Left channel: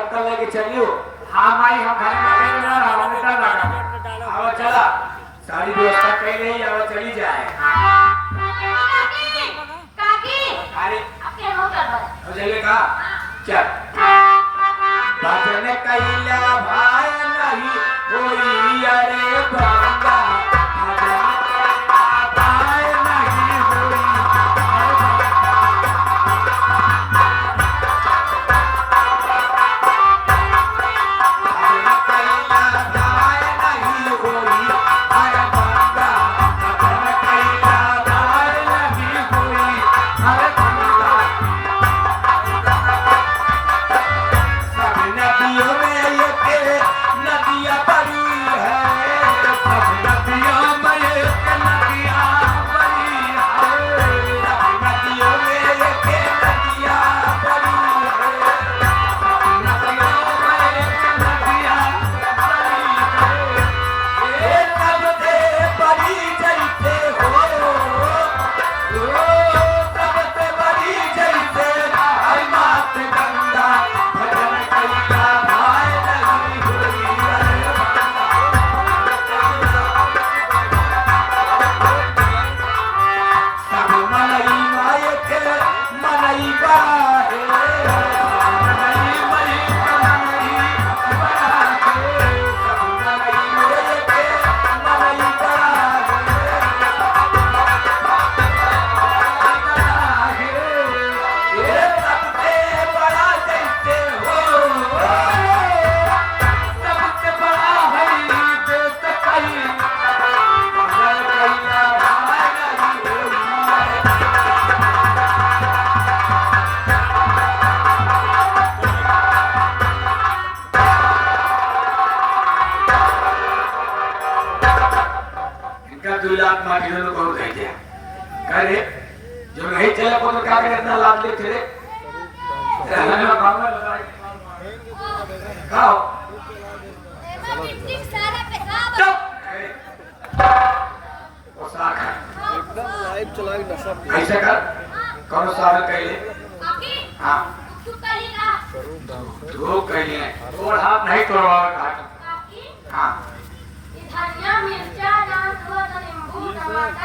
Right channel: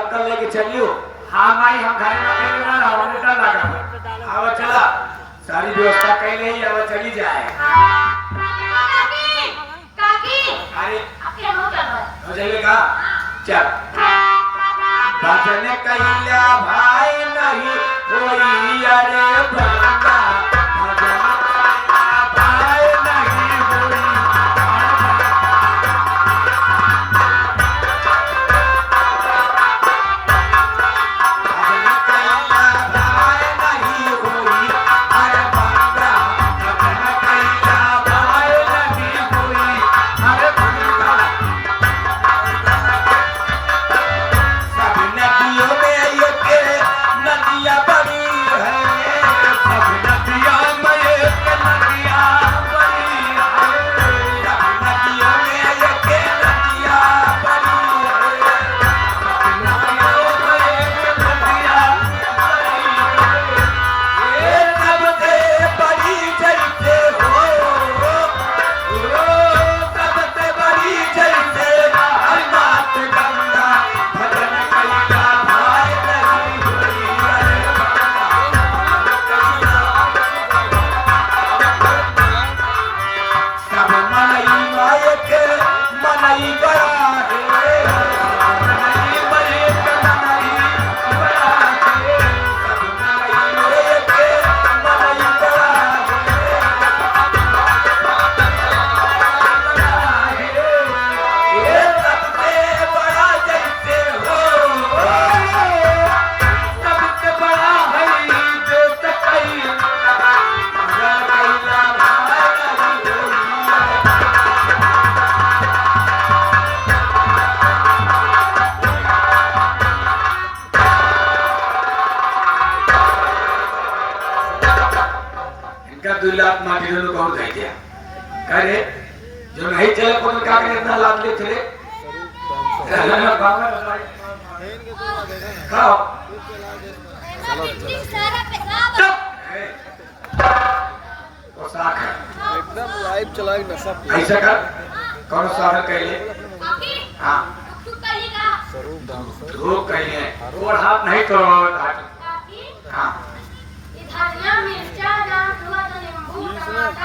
Uncle लेके चलियो। हाँ भाई हम घर में अकेले ना रहो, मुझे लगा आओ चला सारी व्यवस्था कर रही है वो चली जाए। काकी अरे आपके हो क्या बात हो जाइएगा चल भजन कैला भाई नहीं कोई अरे बंदा भजन भाई नहीं कोई कौन कह दिया अरे जो नहीं चला को तो क्या करे इतना लाभ ले थे खाओ मीटिंग सारा पेशाब वो साख है एकदम लाइव चलाएं ना सब ऐसे कर कौन सारा कह ले काकी हां तू कहेगा तू कह ले और हाथ नहीं करो काकी हां धनिया मिर्चा डाल थोड़ा सा नींबू टमाटर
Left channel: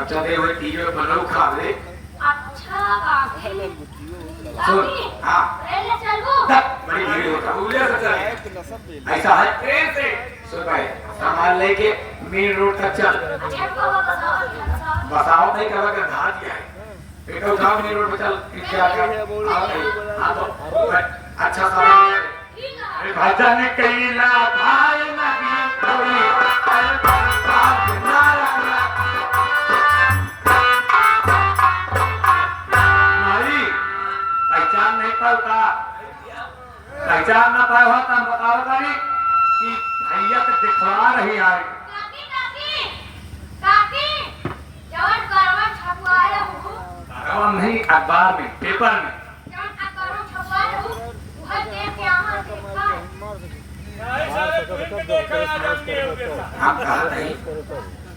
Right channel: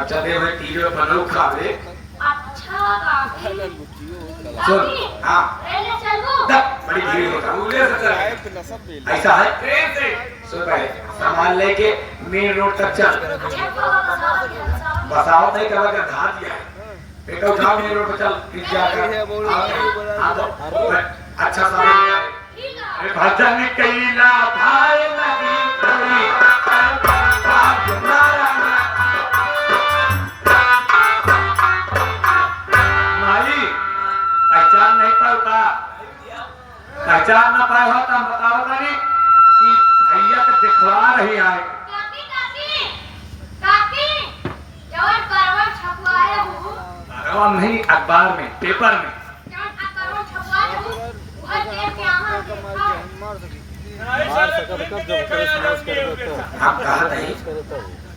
अच्छा दे वो टीवी पर लोग खा ले अच्छा काकी सुन हां रेले चलू बड़ी भीड़ होता उले से चल ना सब बिल ऐसा है ट्रेन से सुन भाई सामान लेके मेन रोड तक चल बसाओ नहीं कर के धार दिया है एक उठाओ मेन रोड पर चल क्या कर हां तो अच्छा सामान भजन कैला भाई नहीं कोई माली पहचान नहीं पाता पहचान न पाए होता बताओ नहीं कि भैया को दिखवा रही है काकी काकी काकी जवन परवा छपवाए हो नहीं अखबार में पेपर में जवन परवा छपवाए हो वह देख के आमन देखा हम कहा नहीं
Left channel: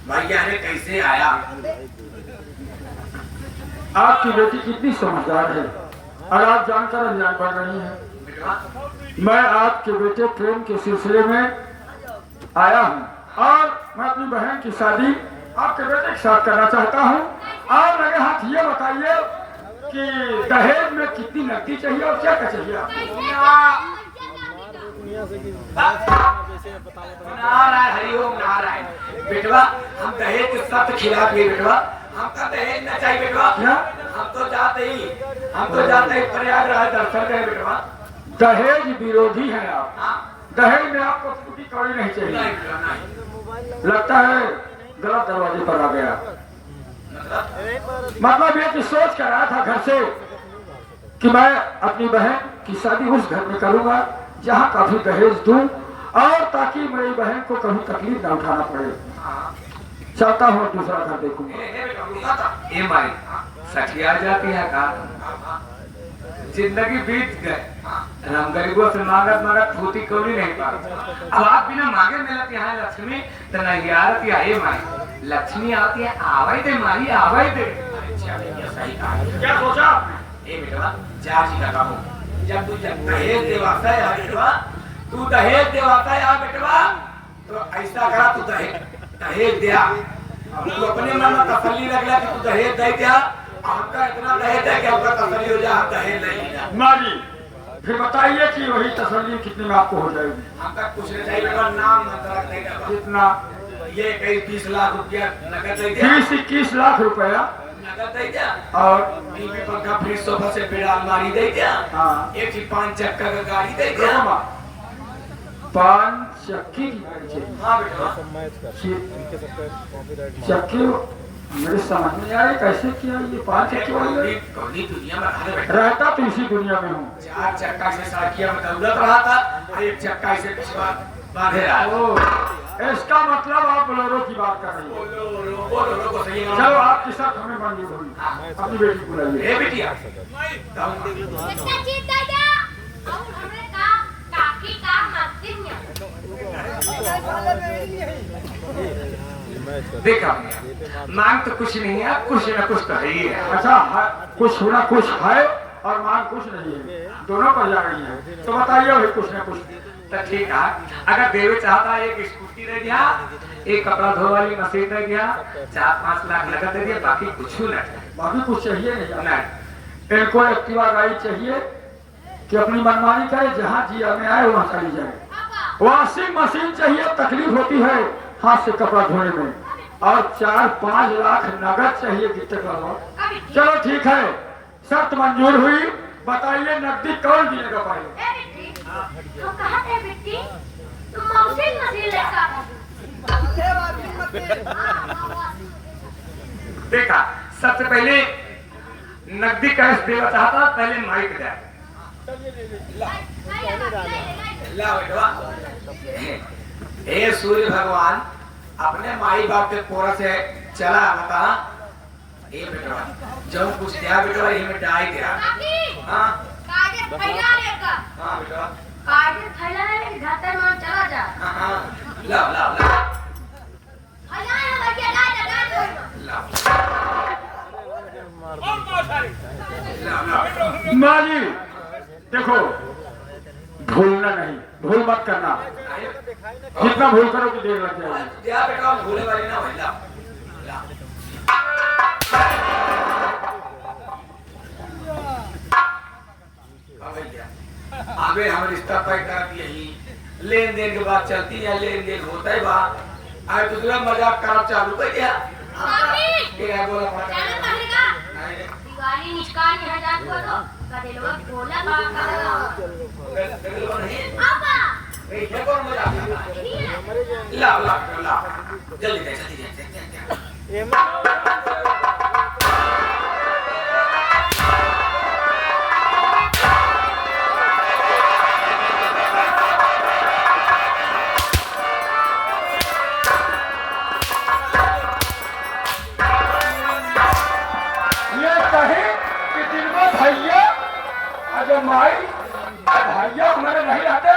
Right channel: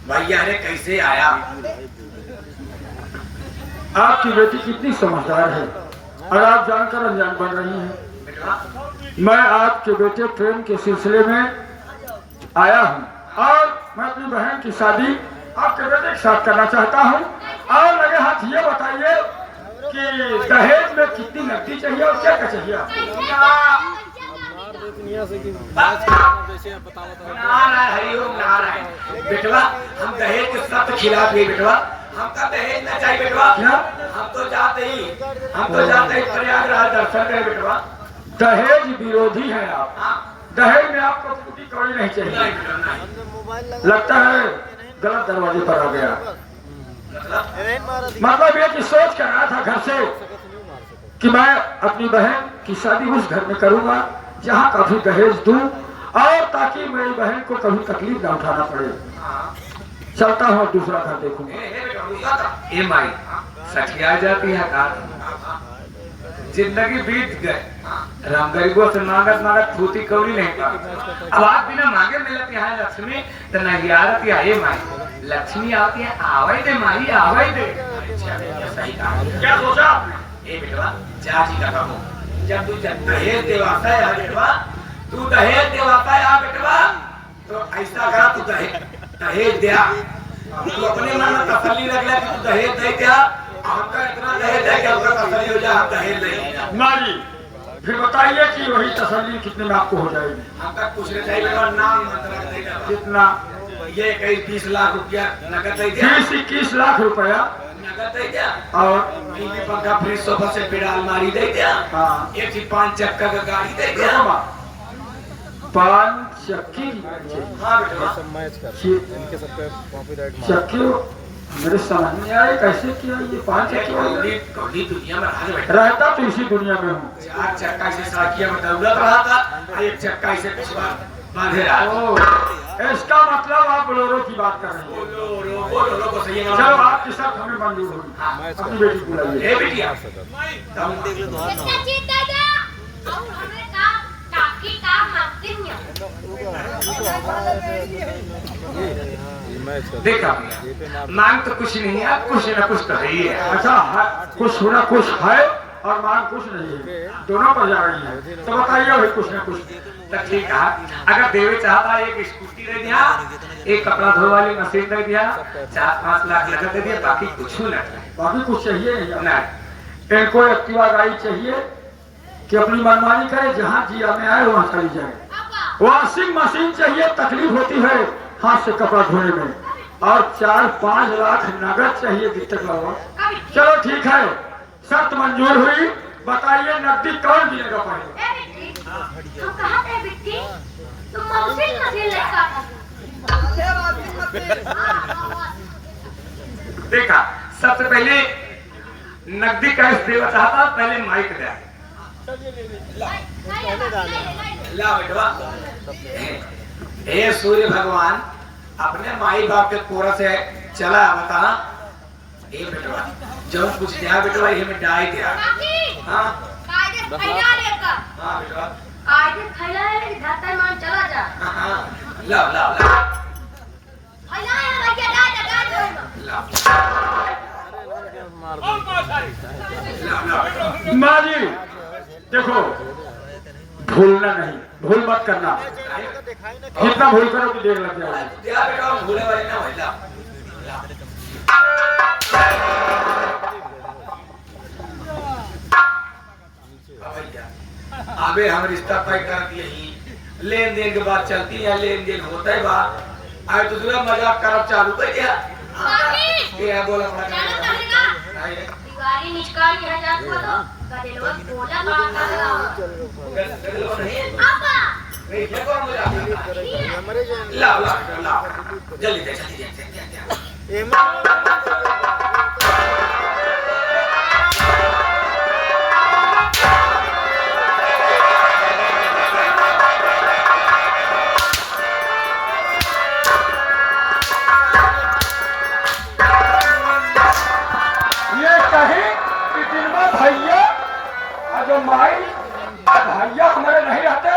भैया ने कैसे आया आपकी बेटी कितनी समझदार है और आप जानकर अनजान बन रही हैं। मैं आपके बेटे प्रेम के सिलसिले में आया हूं और मैं अपनी बहन की शादी आपके बेटे के साथ करना चाहता हूं। और अगर हाथ ये बताइए कि दहेज में कितनी नकदी चाहिए और क्या क्या चाहिए आपको? दुनिया से भी नारायण हरिओम नारायण बेटवा हम दहेज के सख्त खिलाफ है बेटवा हमका दहेज न चाहिए बेटवा क्या? हम तो जाते ही प्रयागराज दर्शन करें बेटवा दहेज विरोधी है आप। हाँ दहेज में आपको टूटी कौड़ी नहीं नहीं चाहिए। बेटवा नहीं लगता है गलत दरवाजे पर आ गया। मतलब ये कि सोच कर आया था घर से कि मैं अपनी बहन की शादी उस घर में करूंगा जहाँ काफी दहेज दूं और ताकि मेरी बहन को कभी तकलीफ न उठाना पड़े। चलता हूँ दूसरा घर देखूंगा। ए माई सखिया जाती है का जिंदगी बीत गए राम गरीबों से मांगत मांगत धोती कौड़ी नहीं पाती। अब आप बिना मांगे मिलती है लक्ष्मी तो नहीं आती है ए माई लक्ष्मी आती है आवे दे माई आवे दे। क्या सोचा ए बेटा चाची का काम जब तू दहेज देवाता है बेटवा, तू दहेज देवाता है बेटवा, तो ऐसा करा तू दहेज दिया, तू अपने मन में तसल्ली रख ले कि तू दहेज दे दिया, हमका इतना दहेज है कि हमका तसल्ली हो जाए, हम दहेज देंगे। माँ जी फिर बताइए कि वही तसल्ली कितने में आपको हो जाएगी? हमका कुछ नहीं चाहिए, नाम मतलब नहीं करवा। कितना? ये कई 20 लाख रुपया नकद दे दिया, 20-21 लाख रुपया नकद दे दिया, और टीवी पंखा फ्रिज सोफा से पेड़ अलमारी दे दिया, हाँ 1 से 5 चक्का का गाड़ी दे देखो दिया। माँ 5 चक्की की गाड़ी चाहिए। हाँ बेटा, सब मैच कर छह इनके सब पे कॉपीराइट चक्की मेरे समझ नहीं आ रहा कैसे किया ये 5 चक्की वाली गाड़ी? कौनी दुनिया में रहा बेटा, रहता तो इसी दुनिया में हूँ। 4 चक्का से साकिया में दौलत रहा था, और 1 चक्का से पिछवा बांधे रहा। ओ, इसका मतलब आप बोलेरो की बात कर रहे हैं। बोलो को सही है। चलो आपकी सब हमें मंजूर होगी, अपनी बेटी को बुलाइए। ए बिटिया, बच्चा जीत दादा और हमने का टाकी का मस्तिन्य मैच कर देखा मांग तो कुछ नहीं है, कुछ न कुछ तो है ही है। अच्छा कुछ होना कुछ है और मान कुछ नहीं है, दोनों पर जा रही है, तो बताइए भाई कुछ ना कुछ। तो ठीक है, अगर देवे चाहता एक स्कूटी दे दिया, एक कपड़ा धोने वाली मशीन दे दिया, 4-5 लाख नकद दे दिया, बाकी कुछ नहीं। बाकी कुछ चाहिए नहीं। नहीं, इनको एक्टिवा गाड़ी चाहिए कि अपनी मनमानी करे, जहाँ जिया में आए वहाँ चली जाए। वॉशिंग मशीन चाहिए, तकलीफ होती है हाथ से कपड़ा धोने में, और 4-5 लाख नगद चाहिए गिफ्ट का। चलो ठीक है, शर्त मंजूर हुई। बताइए नकदी कौन देगा पड़ेगा? हम कहा थे बिट्टी तुम मौसिल मसील लेकर देखा सबसे पहले नकदी कैश देना चाहता, पहले माइक दे ला बेटवा। हे सूर्य भगवान, अपने माई बाप के कोरा से चला बता, ए बेटवा जब कुछ दिया बेटवा ये में डाई दिया। हाँ कागज फैला लेकर हाँ बेटवा, कागज फैला ले घाटे में चला जा हाँ ला ला ला फैला है भैया ला जो माँ जी देखो, भूलना नहीं, भूल मत करना, जितना भूल करो तो देर लग जाएगी। दिया बेटा भूले वाले ना हो जा। आगे हम रिश्ता तय कर दिए ही, लेन देन के बाद चलती है, लेन देन होता है बात। आज दूसरा मजाक करब चालू कर दिया। क्या बोला जाना पड़ेगा दिवाली निष्काली है जान को तो कदेलवा बोला बात करेगा आपा ला ला ला जल्दी दे जल्दी दे। भैया जो माई भैया हमारे नहीं रहते,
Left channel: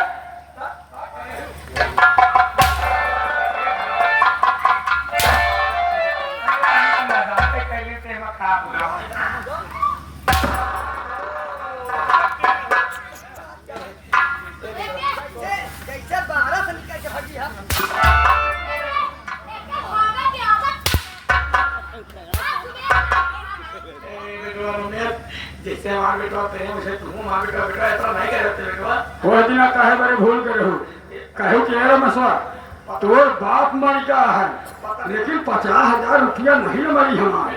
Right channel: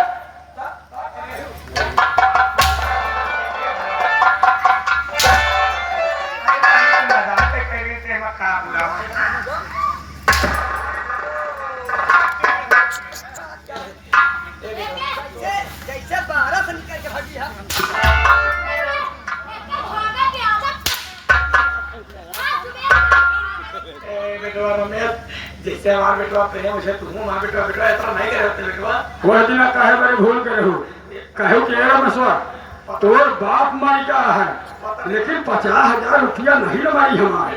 जैसे 12 से निकल के भागी है। जैसे हमारे बेटा कहे मुझे तुम हमारे बेटा ऐसा नहीं कर रहे बेटा। वह दिन कहे बड़े भूल के रहो, कहे कि मेरा मसवा तोर बाप मर गया है, लेकिन 50,000 रुपया नहीं न मरी हमारे।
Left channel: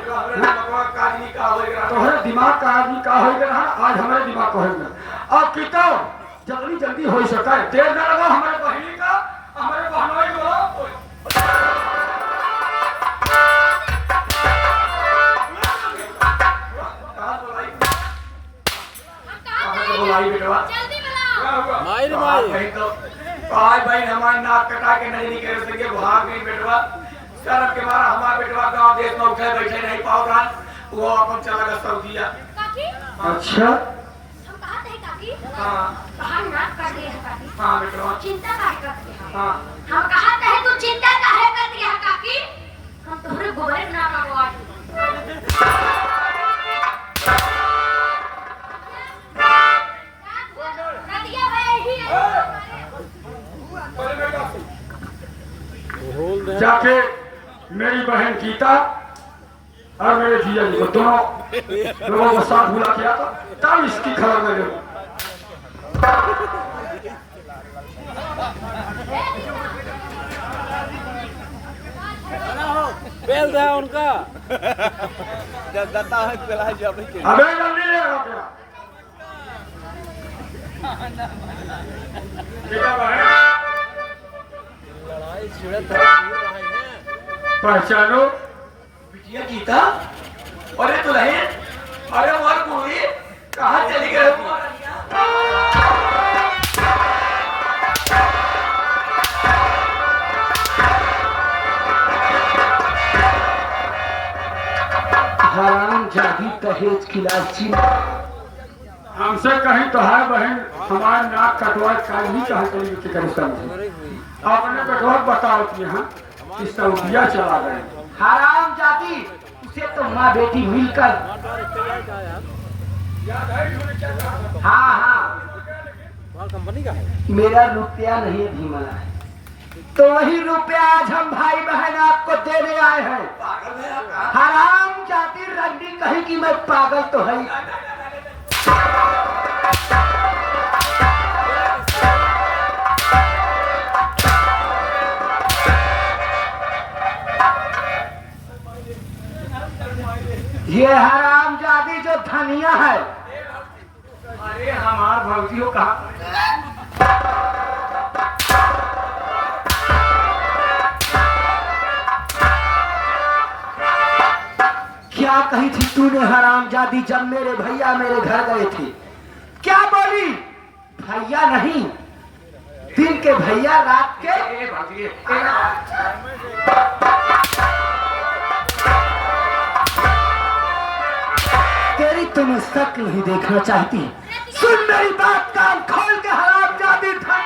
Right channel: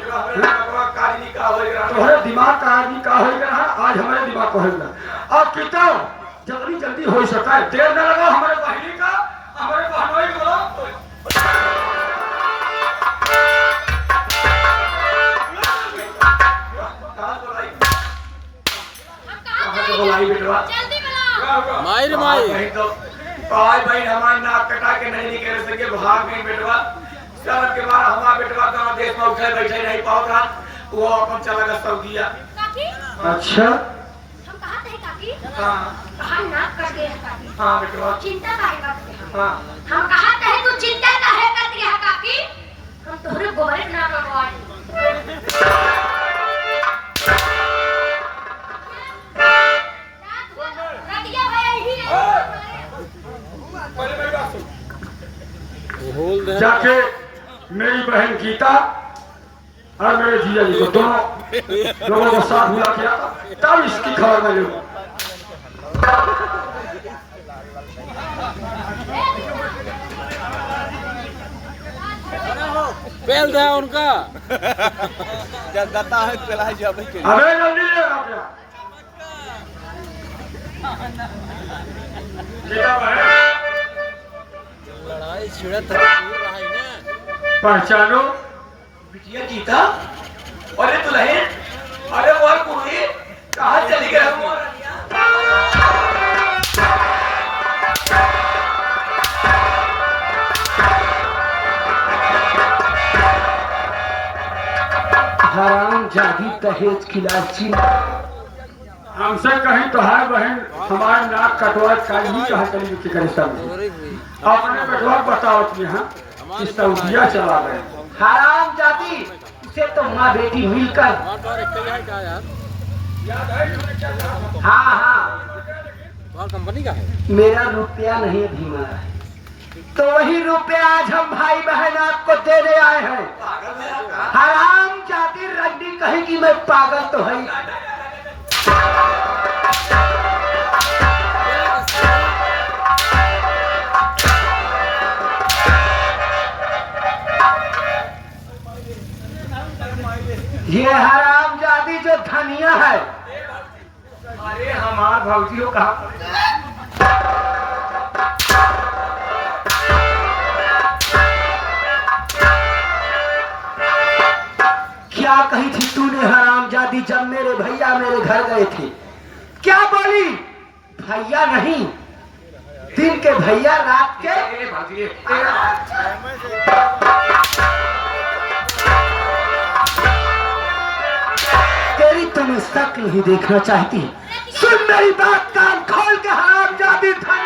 तोहरे दिमाग का आदमी का हो गया है, आज हमारे दिमाग का हो गया। अब कितो जल्दी जल्दी हो सका है, देर न लगा हमारे बहनी का, हमारे बहनों की बोलो। जल्दी बुलाओ माई माई आज भाई हमारा नाक कटा के नहीं निकल सके, भाग गई बेटवा। शर्म के मारा हमारा बेटवा गांव देश में उठे बैठे नहीं पाओगा, वो अपन चला गया सऊदीया। काकी अच्छा हम कहा थे काकी हाँ हम नाक कट गए हैं काकी। हाँ बेटवा चिंता का करते हैं हाँ हम कहा थे तू चिंता का है करते हैं काकी, हम तोहरे गोबर ना लगवा जाके मेरी बहन गीता और मेरे जिया जी को दोनों लोगों को साथ मिला किया तब इसकी खबर मिली। पहल दे उनका जब जाता है पहला जब के अबे जल्दी ले आ गया गीता बहन लड़ाई छिड़त है ना पहचानो बिटिया गीता। अरे तू रहे, अरे वो कुड़ी कहाँ चली गई हो? हराम जादी दहेज की लालची। हमसे कहीं तो है बहन हमारे नाक कटवा काल ही कहा चली कि आपने कटवा बताओ अपने यहाँ इसका दिया चला गया। हराम जादी उसे तो माँ बेटी मिलकर। हाँ हाँ कंपनी का है। मेरा रुपया नहीं भीमा है तो वही रुपया आज हम भाई बहन आपको देने आए हैं। हराम जाती रंडी कहीं की मैं पागल तो है। ये हराम जादी जो धनिया है। अरे हमार भौजियों कहा क्या कही थी तूने हराम जादी जब मेरे भैया मेरे घर गए थे? क्या बोली? भैया नहीं दिन के भैया रात के। तेरी तुम्हें शक नहीं देखना चाहती। सुन मेरी बात कान खोल के हराम जादी था।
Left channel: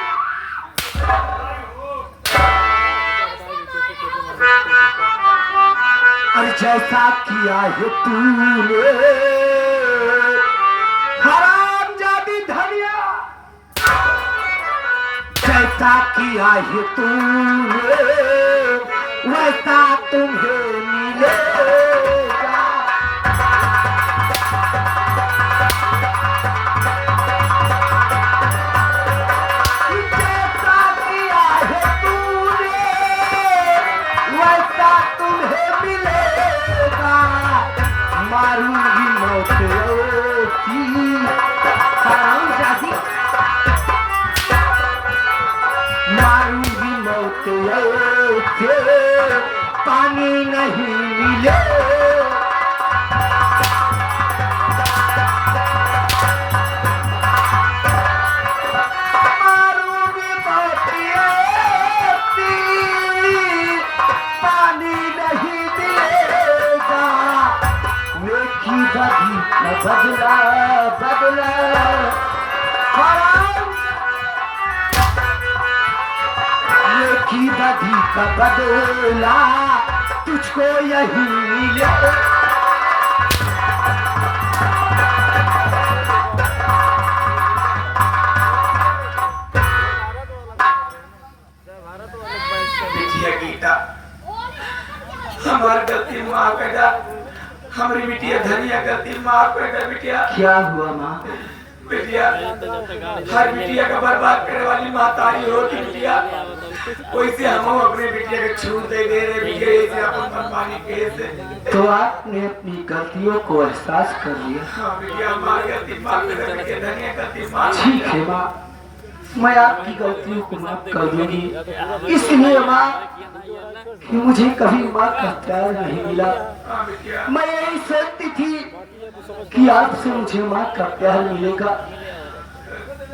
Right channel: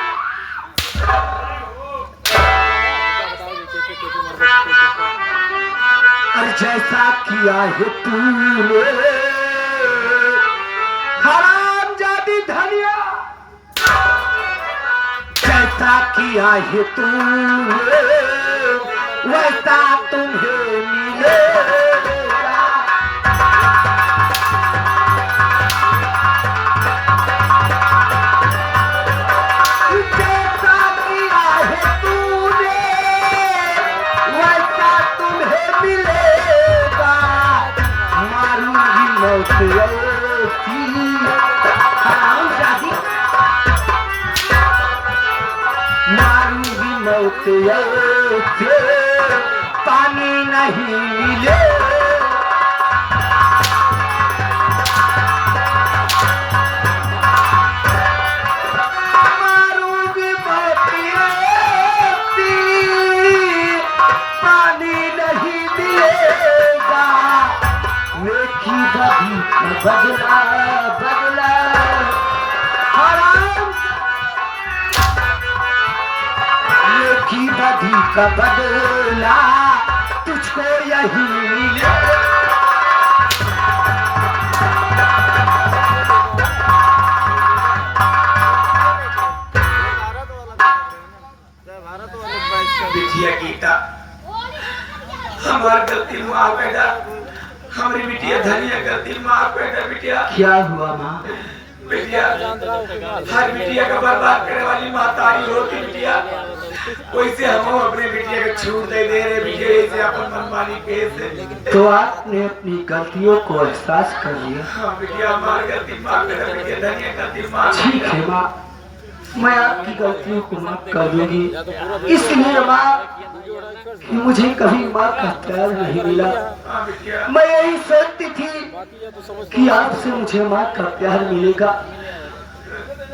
और जैसा किया है तूने हराम जादी धनिया, जैसा किया है तूने वैसा तुम्हें मिलेगा। जैसा किया है तूने वैसा तुम्हें मिलेगा। मारूंगी मौत ऐसी हराम जादी, मारूंगी मौत ऐसे पानी नहीं मिले। मारूंगी मौत ऐसी पानी नहीं मिलेगा। नेकी बदी का बदला बदला हराम, नेकी बदी का बदला तुझको यही मिले। बिटिया गीता, हमारी गलती माफ कर दे। हमारी बिटिया धनिया गलती माफ कर दे बिटिया। क्या हुआ माँ? बिटिया हर बिटिया का बर्बाद करने वाली मातारी होती बिटिया। वैसे हम अपने बिटिया को छूट दे रहे बिटिया से अपन मनमानी कैसे। तो आपने अपनी गलतियों को एहसास कर लिया। हाँ बिटिया हमारी गलती माफ कर दे बिटिया, धनिया गलती माफ। ठीक है माँ, मैं आपकी गलतियों को माफ कर दूंगी। इसलिए माँ कि मुझे कभी माँ का प्यार नहीं मिला। हाँ बिटिया, मैं यही सोचती थी कि आपसे मुझे माँ का प्यार मिलेगा।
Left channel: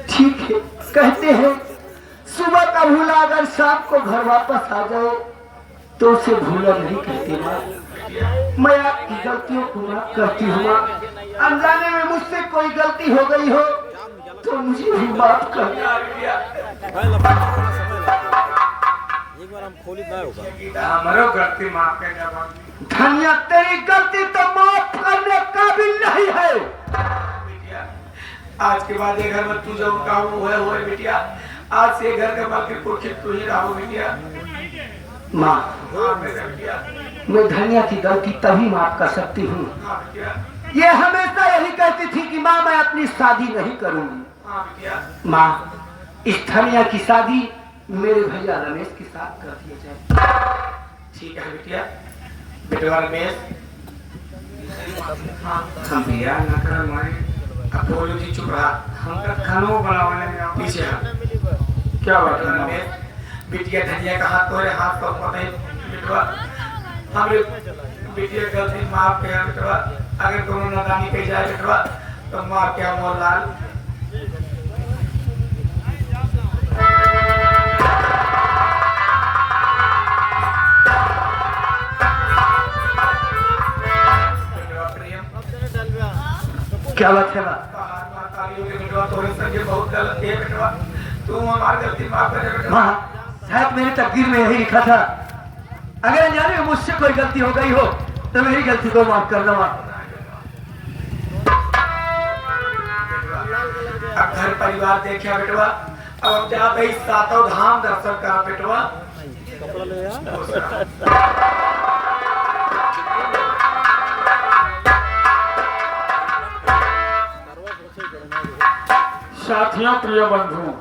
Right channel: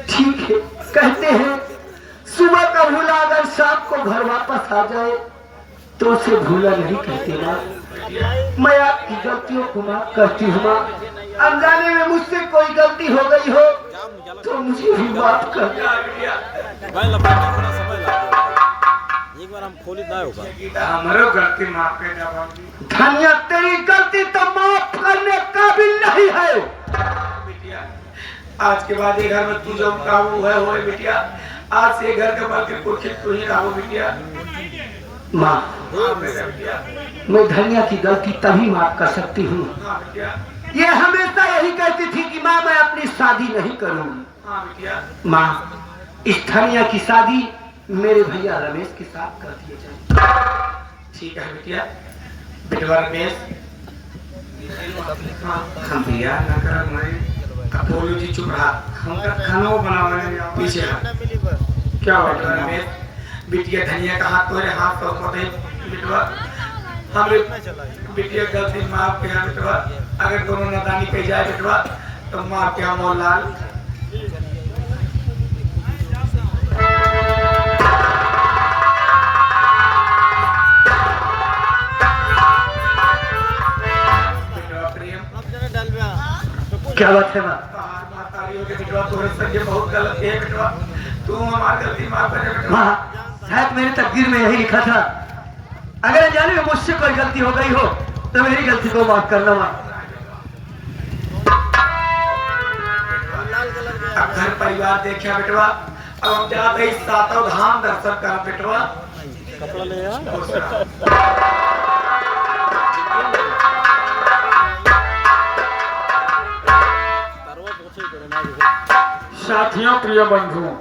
ठीक है, कहते हैं सुबह का भूला अगर शाम को घर वापस आ जाए तो उसे भूला नहीं कहते माँ। मैं आपकी गलतियों को माफ करती हूँ माँ। अनजाने में मुझसे कोई गलती हो गई हो तो मुझे भी माफ कर। एक बार हम खोली ना होगा। गीता हमारो गलती माफ कर दे बाबू। धनिया तेरी गलती तो माफ करने काबिल नहीं है। बिटिया आज के बाद ये घर में तू जो काबू है वो बिटिया। आज से घर के बाकी पुरखी तू ही रहो बिटिया। माँ, हाँ मेरा बिटिया, मैं धनिया की गलती तभी माफ कर सकती हूँ। हाँ बिटिया, ये हमेशा यही कहती थी कि माँ मैं अपनी शादी नहीं करूंगी। हाँ बिटिया, माँ, इस धनिया की शादी मेरे भैया रमेश के साथ कर दिया जाए। ठीक है बिटिया, बिटवा रमेश, हाँ हम बिया ना कर मैं बोलो जी चुप रहा, हम का खानो बनावे पीछे हाथ। क्या बात बिटवा है माँ? रमेश, बिटिया धनिया का हाथ तोरे हाथ का ऊपर दे बिटवा, हमरे बिटिया गलती माफ किया बिटवा, अगर कोनो नादानी कही जाए बिटवा तो माफ किया मोहनलाल। बिटवा प्रेम, क्या बात है माँ? तोरे संगे बहुत गलत है बिटवा, तू हमारी गलती माफ करे बिटवा। माँ, शायद मेरे तकदीर में यही लिखा था, अगर जाने में मुझसे कोई गलती हो गई हो तो मेरी गलती को माफ करना माँ। अब घर परिवार देखिए बिटवा, अब हम जाते ही सातों धाम दर्शन करा बिटवा। साथियों, प्रिय बंधुओं,